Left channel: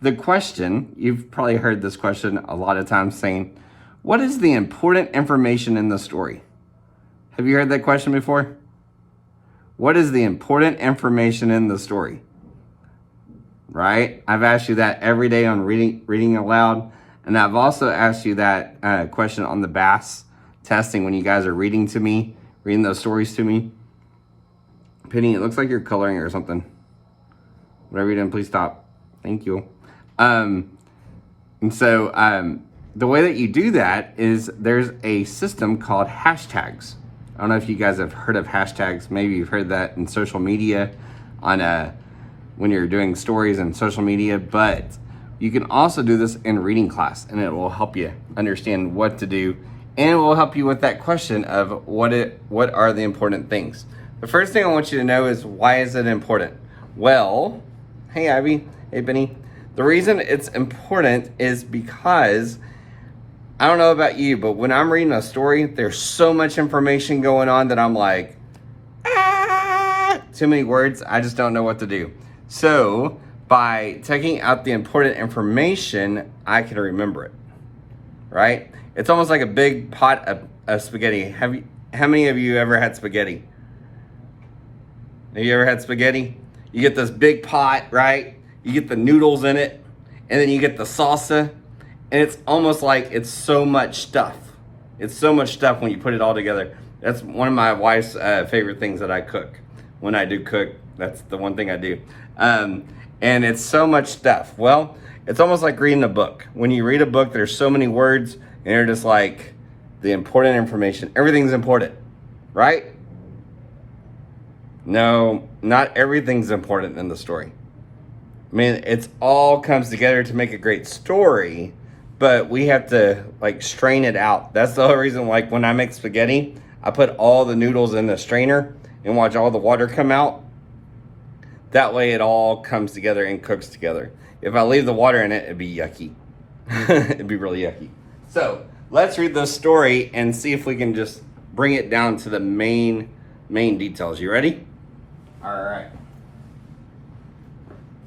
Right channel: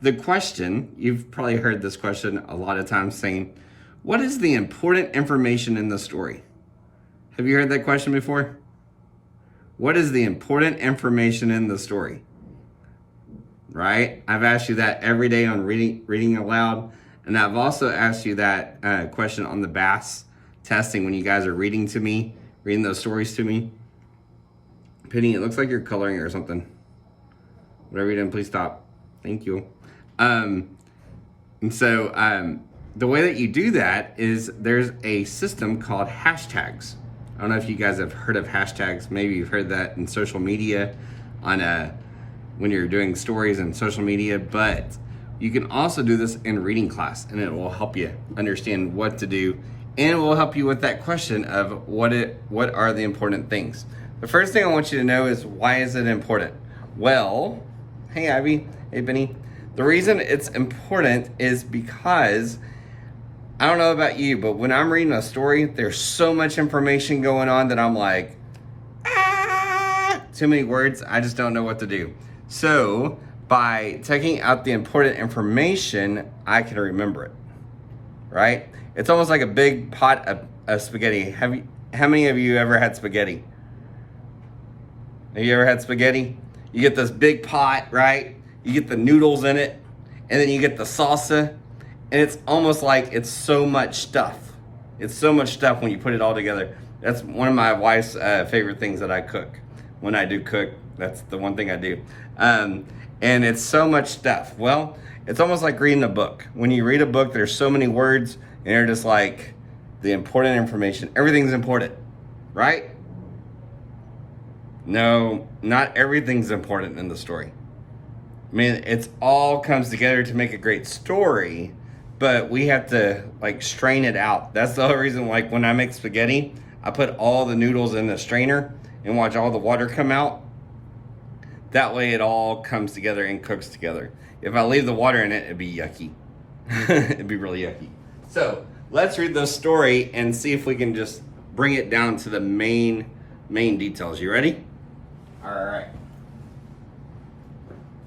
the question, you've probably heard this question a lot of times saying, what is the important information in the story? Have you heard that question before? What is the important information in the story? Right? I've asked you that every day on reading aloud. And I've also asked you that question on the BAS testing when you guys are reading to me, reading those stories to me. Penny, it looks like you're coloring or something. Whatever you're doing, please stop. Thank you. The way that you do that is there's a system called hashtags. I don't know if you guys have heard of hashtags. Maybe you've heard that in social media on when you're doing stories in social media, but you can also do this in reading class, and it will help you understand what to do, and it will help you with that question of what are the important things. The first thing I want you to know is, why is it important? Well, hey Ivy, hey Benny. The reason it's important is because, I don't know about you, but when I'm reading a story, there's so much information going on that I'm like, too many words, I just don't know what to do. So by taking out the important information, I can remember it, right? It's almost like a big pot of spaghetti. How many of you ever had spaghetti? Have you ever had spaghetti? You get this big pot, right? You get the noodles in it, and then you get the salsa, and it's almost like it's so much stuff. It's so much stuff when you put it all together. That's one of my wife's favorite things that I cook. When I do cook, that's the one thing I do. And it's so much stuff. Well, it's almost like reading a book. When you read a book, there's so many words, and they're just like the important information. Everything's important, right? No, not everything's important in the story. I mean, it's all comes together to make a great story, but we have to like strain it out. That's the whole reason, like when I make spaghetti, I put all the noodles in the strainer and watch all the water come out. That way it all comes together and cooks together. If I leave the water in it, it'd be yucky. It'd be really yucky. So let's read the story and see if we can just bring it down to the main details. You ready? All right.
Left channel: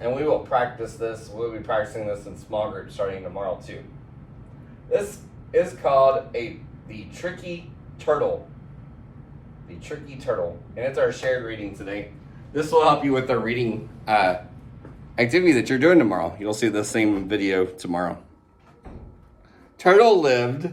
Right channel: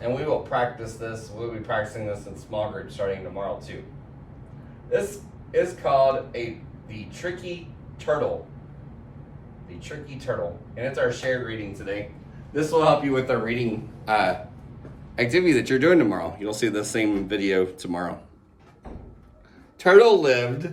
And we will practice this. We'll be practicing this in small groups starting tomorrow too. This is called the Tricky Turtle. The Tricky Turtle. And it's our shared reading today. This will help you with the reading activity that you're doing tomorrow. You'll see the same video tomorrow. Turtle lived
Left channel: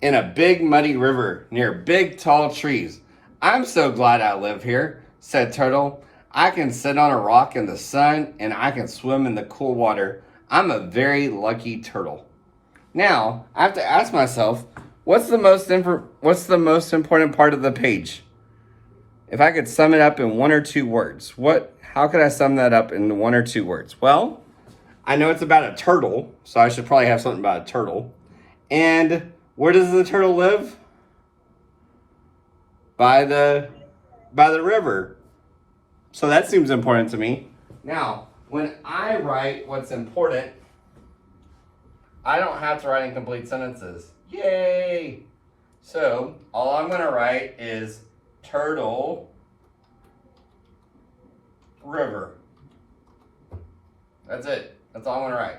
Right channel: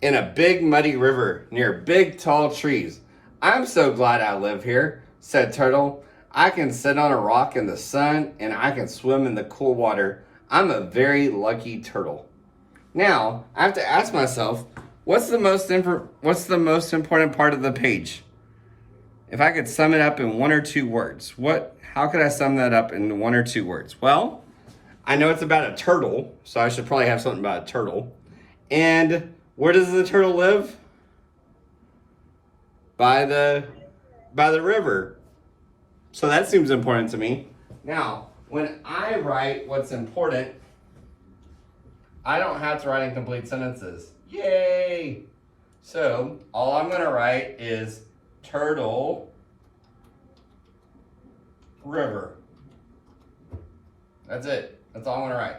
in a big muddy river near big tall trees. I'm so glad I live here, said Turtle. I can sit on a rock in the sun and I can swim in the cool water. I'm a very lucky turtle. Now, I have to ask myself, what's the most important part of the page? If I could sum it up in one or two words, how could I sum that up in one or two words? Well, I know it's about a turtle, so I should probably have something about a turtle. And where does the turtle live? By the river. So that seems important to me. Now, when I write what's important, I don't have to write in complete sentences. Yay! So all I'm gonna write is Turtle River. That's it. That's all I'm gonna write.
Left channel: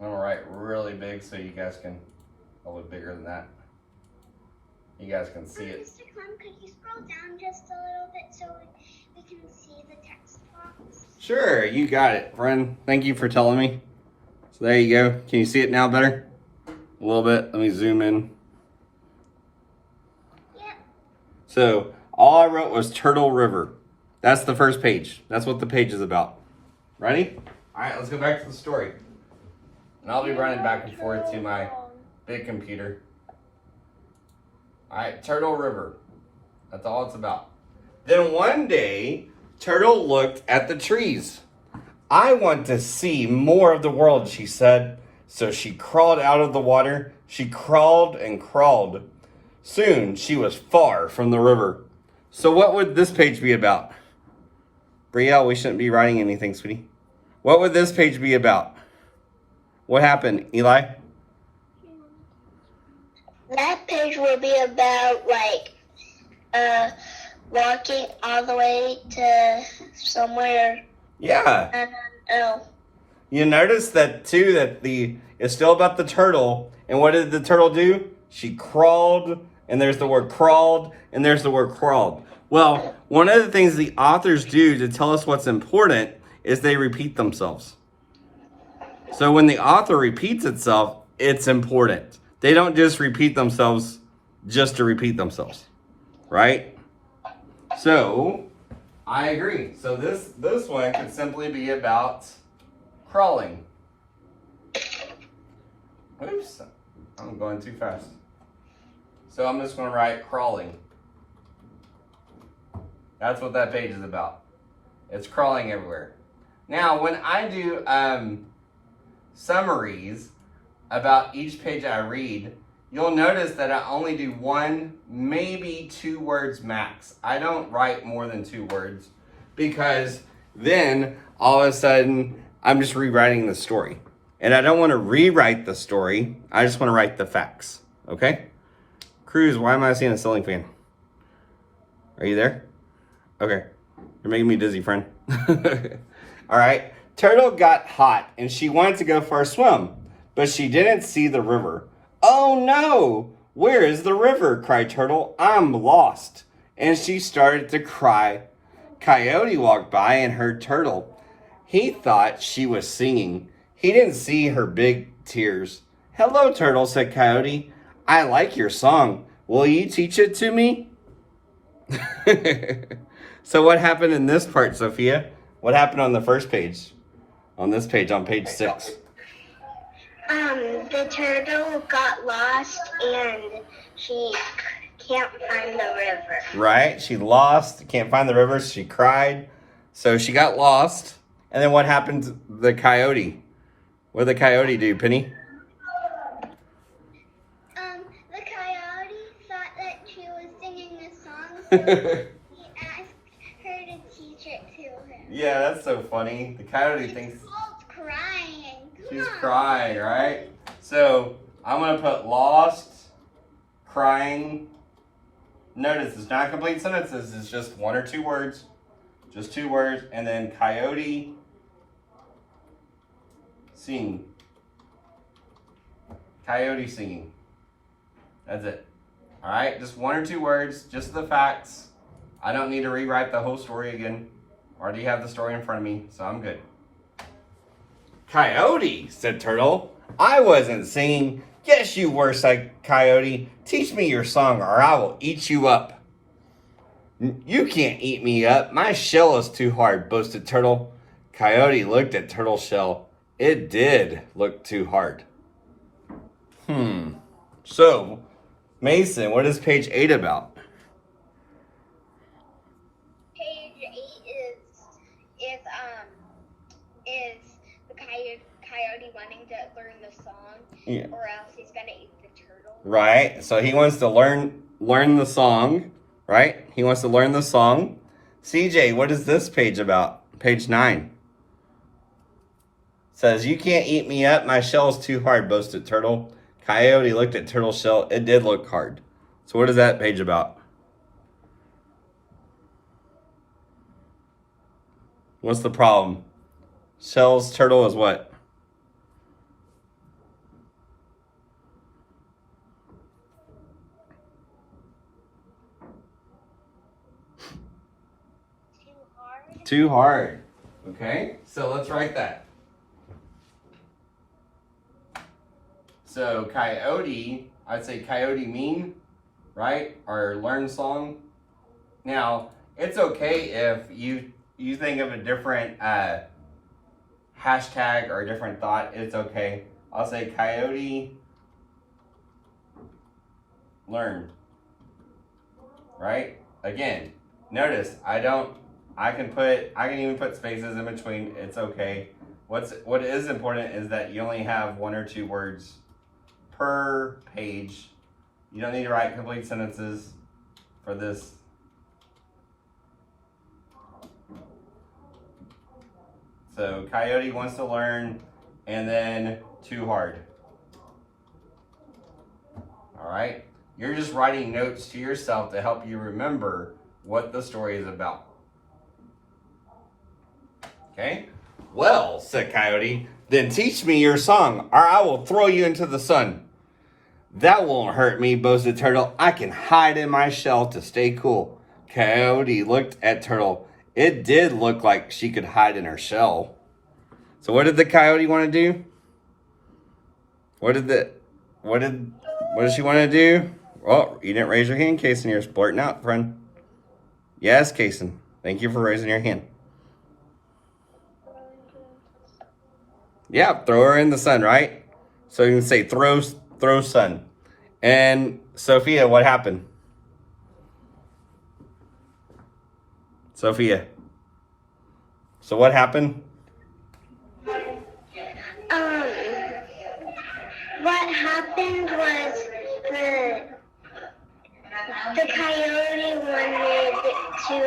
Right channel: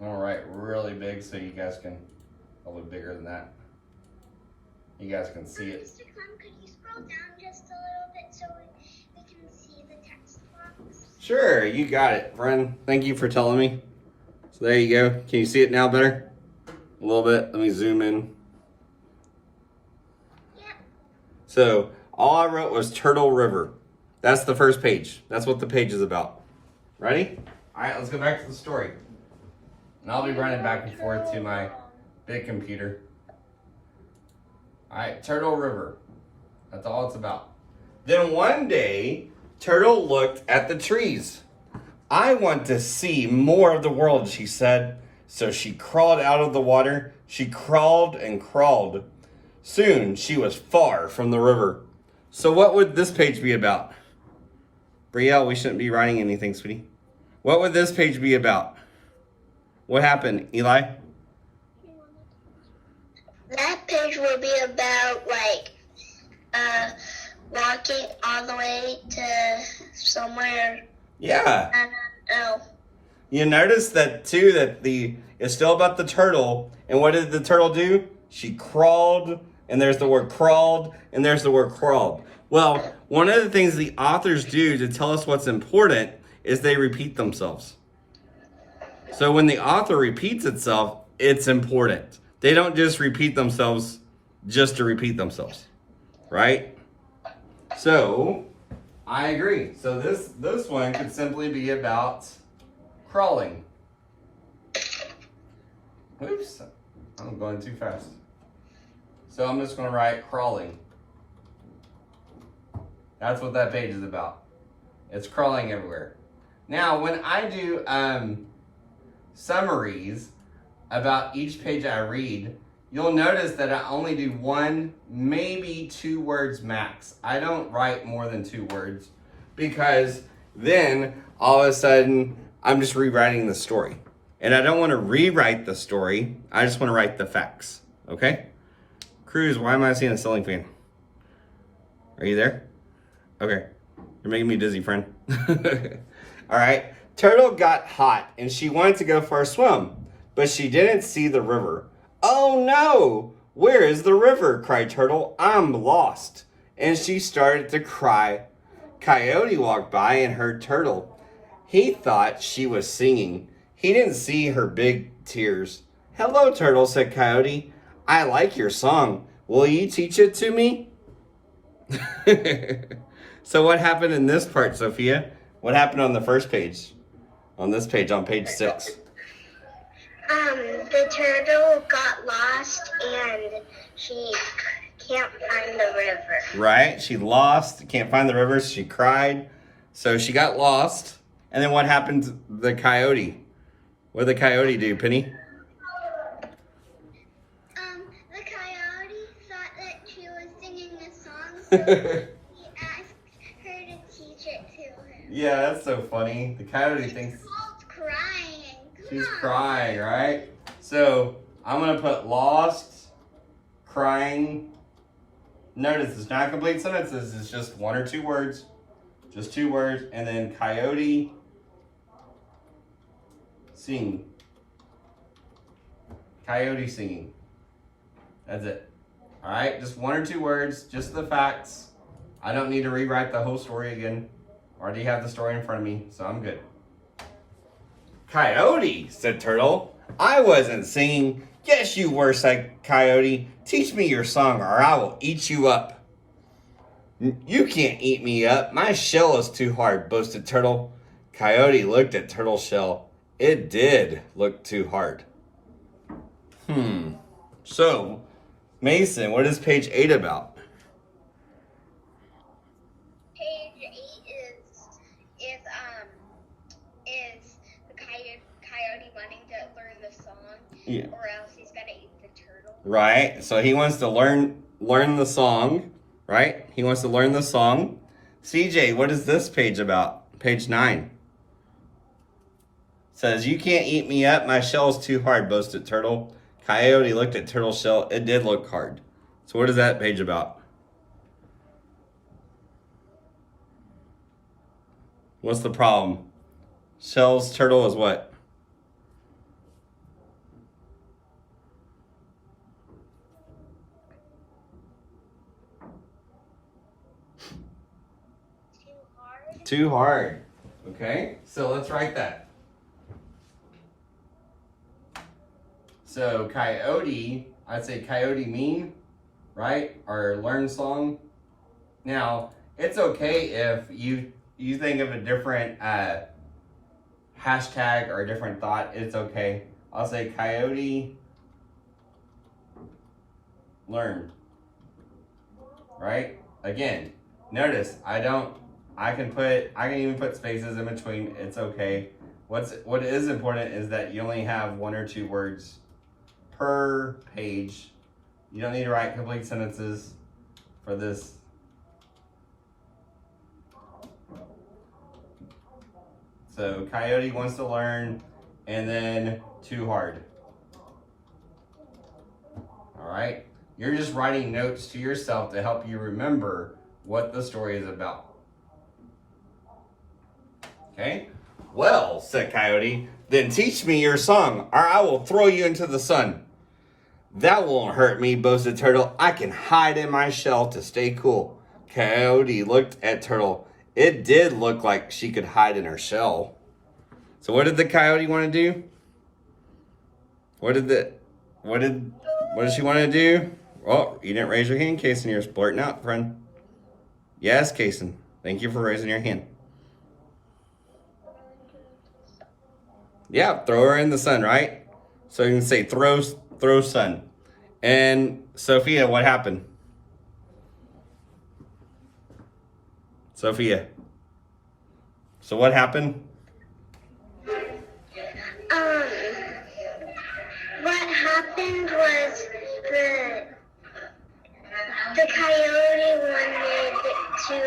I'm gonna write really big so you guys can, a little bigger than that. You guys can see it. Mr. Clem, could you scroll down just a little bit so we can see the text box? Sure, you got it, friend. Thank you for telling me. So there you go. Can you see it now better? A little bit. Let me zoom in. Yeah. So all I wrote was Turtle River. That's the first page. That's what the page is about. Ready? All right, let's go back to the story. And I'll be running back and forth to my big computer. All right, Turtle River. That's all it's about. Then one day, Turtle looked at the trees. I want to see more of the world, she said. So she crawled out of the water. She crawled and crawled. Soon, she was far from the river. So what would this page be about? Brielle, we shouldn't be writing anything, sweetie. What would this page be about? What happened, Eli? That page will be about walking all the way to somewhere. Yeah. I don't know. You notice that too, that it's still about the turtle. And what did the turtle do? She crawled, and there's the word crawled, and there's the word crawled. Well, one of the things the authors do to tell us what's important is they repeat themselves. So when the author repeats itself, it's important. They don't just repeat themselves just to repeat themselves, right? So I agree. So this one could simply be about crawling. Oops, I'm going too fast. So I'm just going to write crawling. That's what that page is about. It's crawling everywhere. Now, when I do summaries about each page I read, you'll notice that I only do 1, maybe 2 words max. I don't write more than 2 words because then all of a sudden I'm just rewriting the story. And I don't want to rewrite the story. I just want to write the facts. Okay? Cruz, why am I seeing a ceiling fan? Are you there? Okay. You're making me dizzy, friend. All right. Turtle got hot and she wanted to go for a swim, but she didn't see the river. Oh no! Where is the river? Cried Turtle. I'm lost. And she started to cry. Coyote walked by and heard Turtle. He thought she was singing. He didn't see her big tears. Hello, Turtle, said Coyote. I like your song. Will you teach it to me? So what happened in this part, Sophia? What happened on the first page? On this page, on page 6. The turtle got lost and she can't find the river. Right? She lost, can't find the river, so she cried. So she got lost. And then what happened to the coyote? What did the coyote do, Penny? The coyote thought that she was singing a song, so he asked her to teach it to him. Yeah, that's so funny. The coyote thinks Called crying. she's crying, right? So I'm gonna put lost, crying. Notice it's not complete sentences, it's just 1 or 2 words. Just 2 words, and then coyote sing. Coyote singing. That's it. Alright, just 1 or 2 words, just the facts. I don't need to rewrite the whole story again. Already have the story in front of me, so I'm good. Coyote, said Turtle. I wasn't singing. Yes, you were, said Coyote. Teach me your song or I will eat you up. You can't eat me up. My shell is too hard, boasted Turtle. Coyote looked at Turtle's shell. It did look too hard. So, Mason, what is page 8 about? Page 8 is the coyote wanting to learn the song, Yeah. or else he's gonna eat the turtle. Right. So he wants to learn the song, right? He wants to learn the song. CJ, what is this page about? Page 9. Says, you can't eat me up. My shell's too hard, boasted Turtle. Coyote looked at Turtle's shell. It did look hard. So what is that page about? What's the problem? Shell's turtle is what? Too hard. Too hard. Okay, so let's write that. So coyote, I'd say coyote mean, right? Or learn song. Now, it's okay if you think of a different hashtag or a different thought. It's okay. I'll say coyote learn. Right? Again, notice I can even put spaces in between. It's okay. What is important is that you only have 1 or 2 words per page. You don't need to write complete sentences for this. So coyote wants to learn, and then too hard. All right. You're just writing notes to yourself to help you remember what the story is about. Okay? Well, said Coyote, then teach me your song, or I will throw you into the sun. That won't hurt me, boasted Turtle. I can hide in my shell to stay cool. Coyote looked at Turtle. It did look like she could hide in her shell. So what did the coyote want to do? What did she want to do? Oh, you didn't raise your hand, Kason. You're blurting out, friend. Yes, Kason. Thank you for raising your hand. Yeah, throw her in the sun, right? So you can say throw sun. And Sophia, what happened? Sophia. So what happened? What happened was the coyote wanted to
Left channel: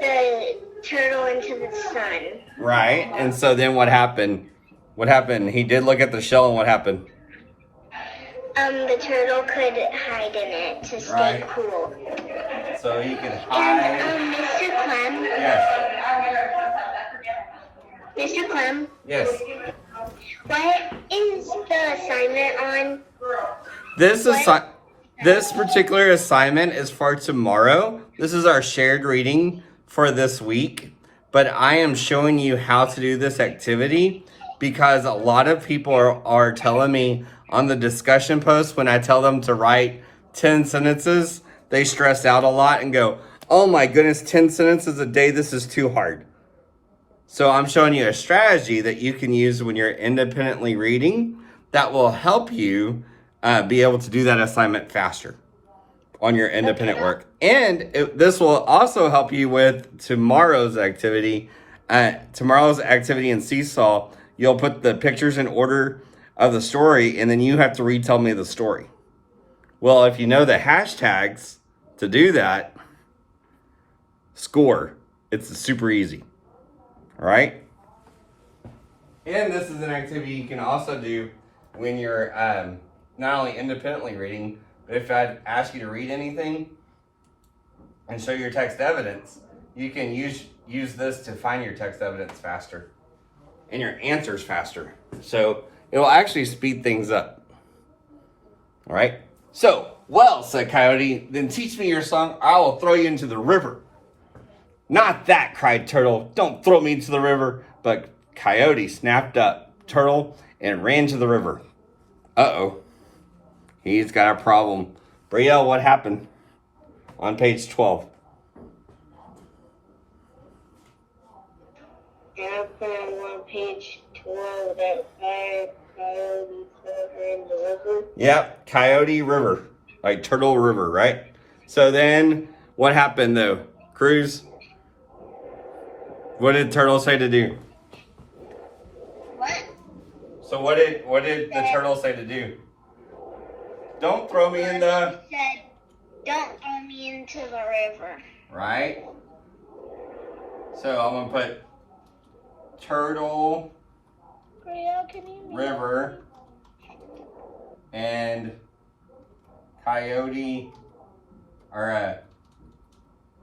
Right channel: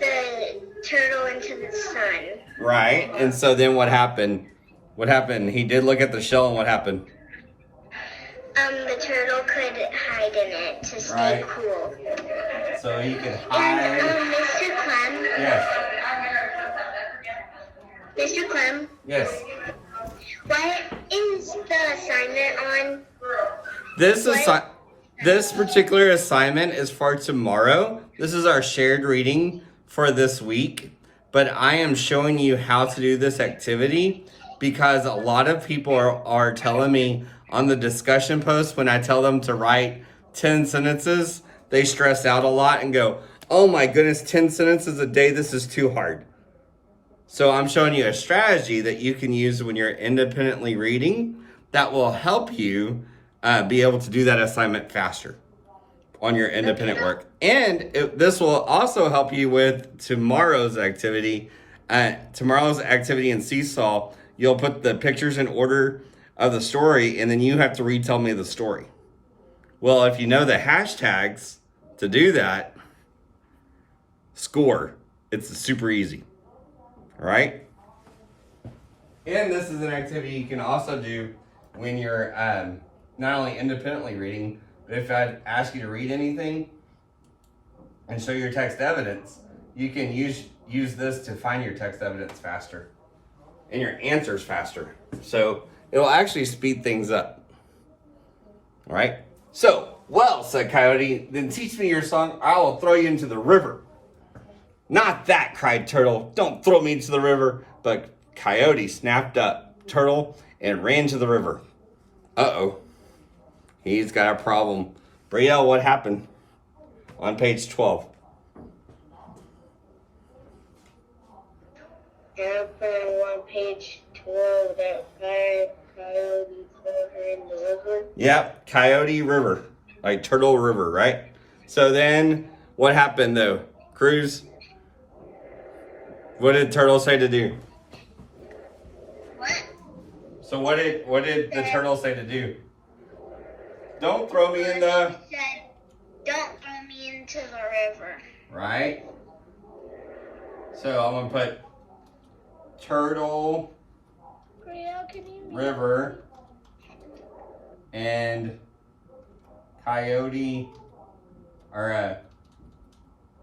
the turtle into the sun. Right. And so then what happened? What happened? He did look at the shell, and what happened? The turtle could hide in it to stay Right. cool. So he could hide. And Mr. Clem. Yes. Mr. Clem. Yes. What is the assignment on? This particular assignment is for tomorrow. This is our shared reading for this week. But I am showing you how to do this activity because a lot of people are telling me on the discussion post when I tell them to write 10 sentences, they stress out a lot and go, oh my goodness, 10 sentences a day, this is too hard. So I'm showing you a strategy that you can use when you're independently reading that will help you be able to do that assignment faster on your independent work. And this will also help you with tomorrow's activity. Tomorrow's activity in Seesaw, you'll put the pictures in order of the story, and then you have to retell me the story. Well, if you know the hashtags to do that, score. It's super easy. All right? And this is an activity you can also do when you're not only independently reading, but if I ask you to read anything and show your text evidence, you can use this to find your text evidence faster and your answers faster. So it'll actually speed things up. All right? So, well, said Coyote, then teach me your song, or I will throw you into the river. Not that, cried Turtle. Don't throw me into the river. But Coyote snapped up Turtle and ran to the river. Uh-oh. He's got a problem. Brielle, what happened? On page 12. On page 12, that coyote in the river. Yep, Coyote River. Like Turtle River, right? So then, what happened though? Cruz? What did Turtle say to do? What? So what did the turtle say to do? Don't throw me in the... He said, don't throw me into the river. Right? So I'm going to put Turtle River and Coyote, or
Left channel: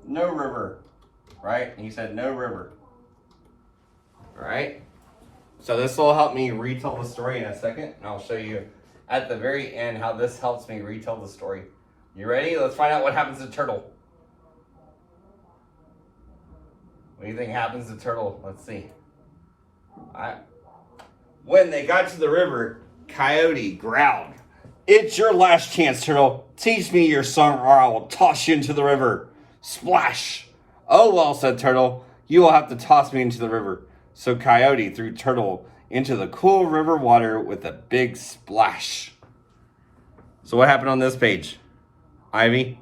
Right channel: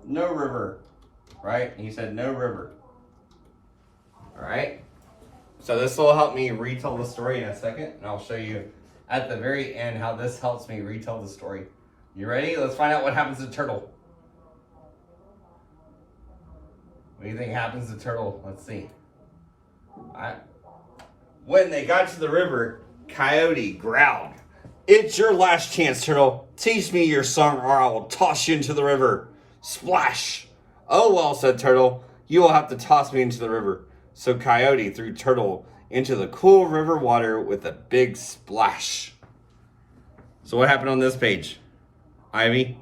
no river, right? And he said no river. All right? So this will help me retell the story in a second, and I'll show you at the very end how this helps me retell the story. You ready? Let's find out what happens to Turtle. What do you think happens to Turtle? Let's see. All right. When they got to the river, Coyote growled, "It's your last chance, Turtle. Teach me your song or I will toss you into the river." Splash! "Oh well," said Turtle, "you will have to toss me into the river." So Coyote threw Turtle into the cool river water with a big splash. So what happened on this page? Ivy?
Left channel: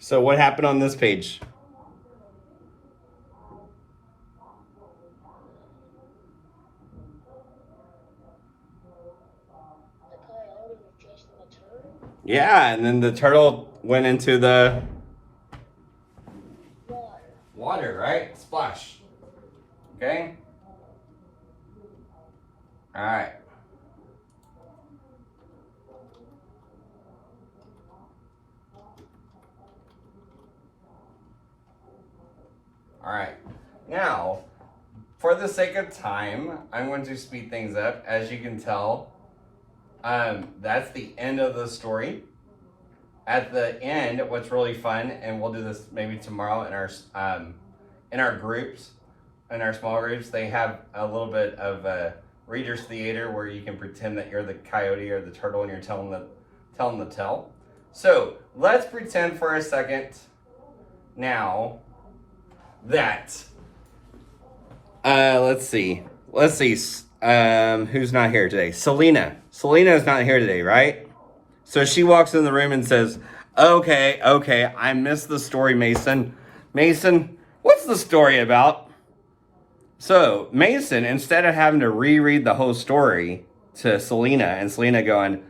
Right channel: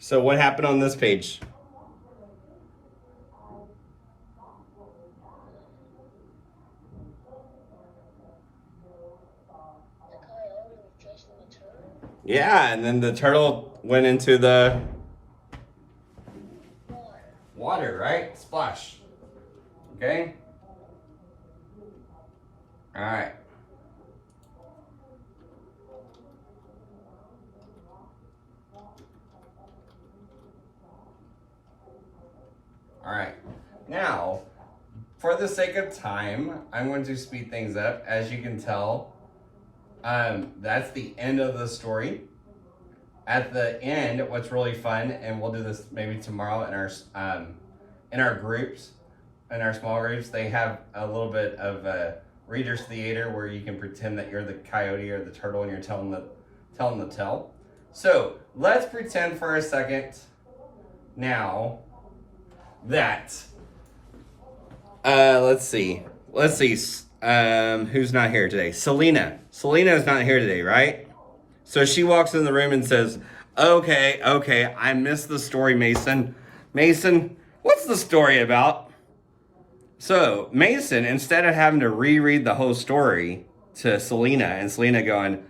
So what happened on this page? Yeah, and then the turtle went into the Water. water, right? Splash. Okay? Alright. Alright. Now, for the sake of time, I'm going to speed things up. As you can tell, that's the end of the story. At the end, what's really fun, and we'll do this maybe tomorrow in our groups, in our small groups, they have a little bit of a reader's theater where you can pretend that you're the coyote or the turtle and you're telling the tale. So let's pretend for a second now that let's see who's not here today. Selena is not here today, right? So she walks in the room and says, okay, I missed the story, Mason, what's the story about? So Mason, instead of having to reread the whole story to Selena and Selena going,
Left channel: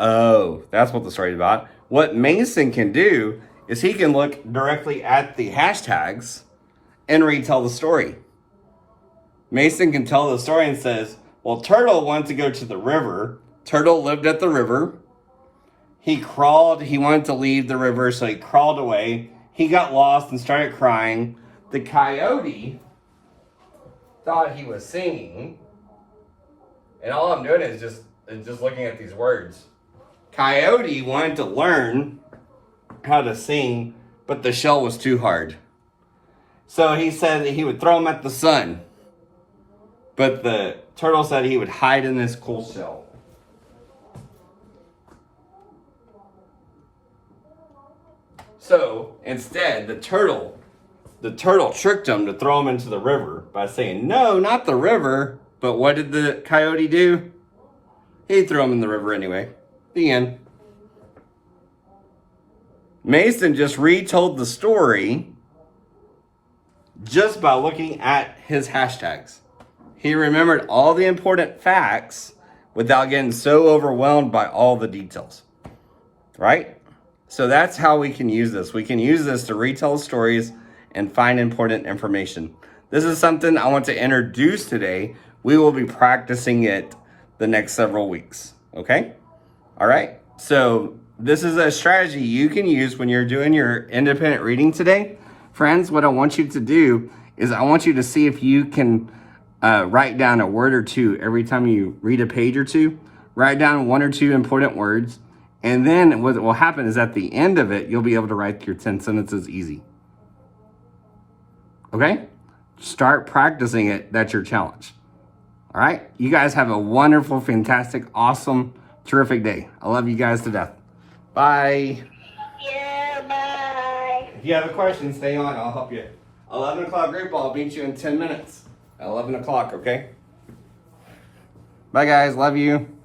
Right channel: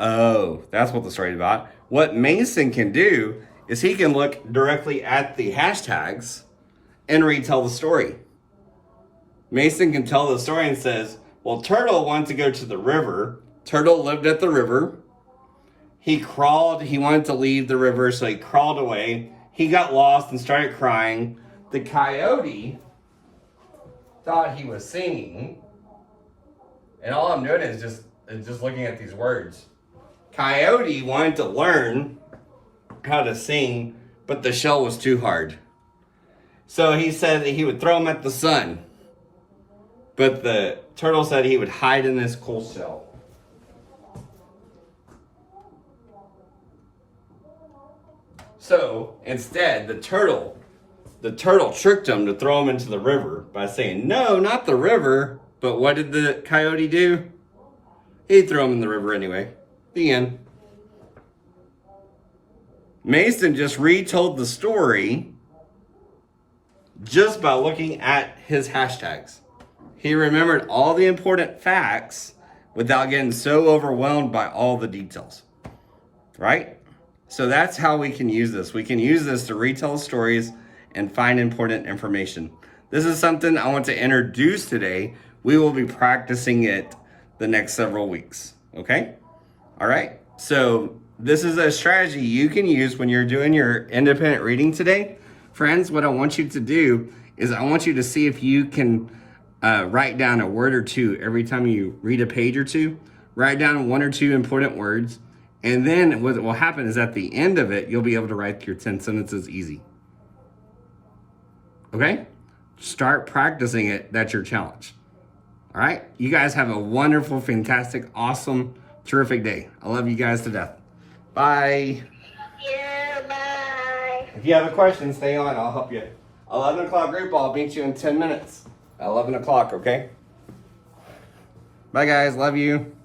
oh, that's what the story's about, what Mason can do is he can look directly at the hashtags and retell the story. Mason can tell the story and says, well, Turtle wanted to go to the river. Turtle lived at the river. He wanted to leave the river, so he crawled away. He got lost and started crying. The coyote thought he was singing. And all I'm doing is just looking at these words. Coyote wanted to learn how to sing, but the shell was too hard. So he said that he would throw him at the sun. But the turtle said he would hide in this cool shell. So instead, the turtle tricked him to throw him into the river by saying, no, not the river. But what did the coyote do? He threw him in the river anyway. The end. Mason just retold the story just by looking at his hashtags. He remembered all the important facts without getting so overwhelmed by all the details. Right? So that's how we can use this. We can use this to retell stories and find important information. This is something I want to introduce today. We will be practicing it the next several weeks. Okay? All right? So this is a strategy you can use when you're doing your independent reading today. Friends, what I want you to do is I want you to see if you can write down a word or two every time you read a page or two. Write down 1 or 2 important words. And then what will happen is at the end of it, you'll be able to write your 10 sentences easy. Okay? Start practicing it. That's your challenge. All right? You guys have a wonderful, fantastic, awesome, terrific day. I love you guys to death. Bye. Yeah, bye. If you have a question, stay on. I'll help you. 11 o'clock group, I'll meet you in 10 minutes. At 11 o'clock, okay? Bye, guys. Love you.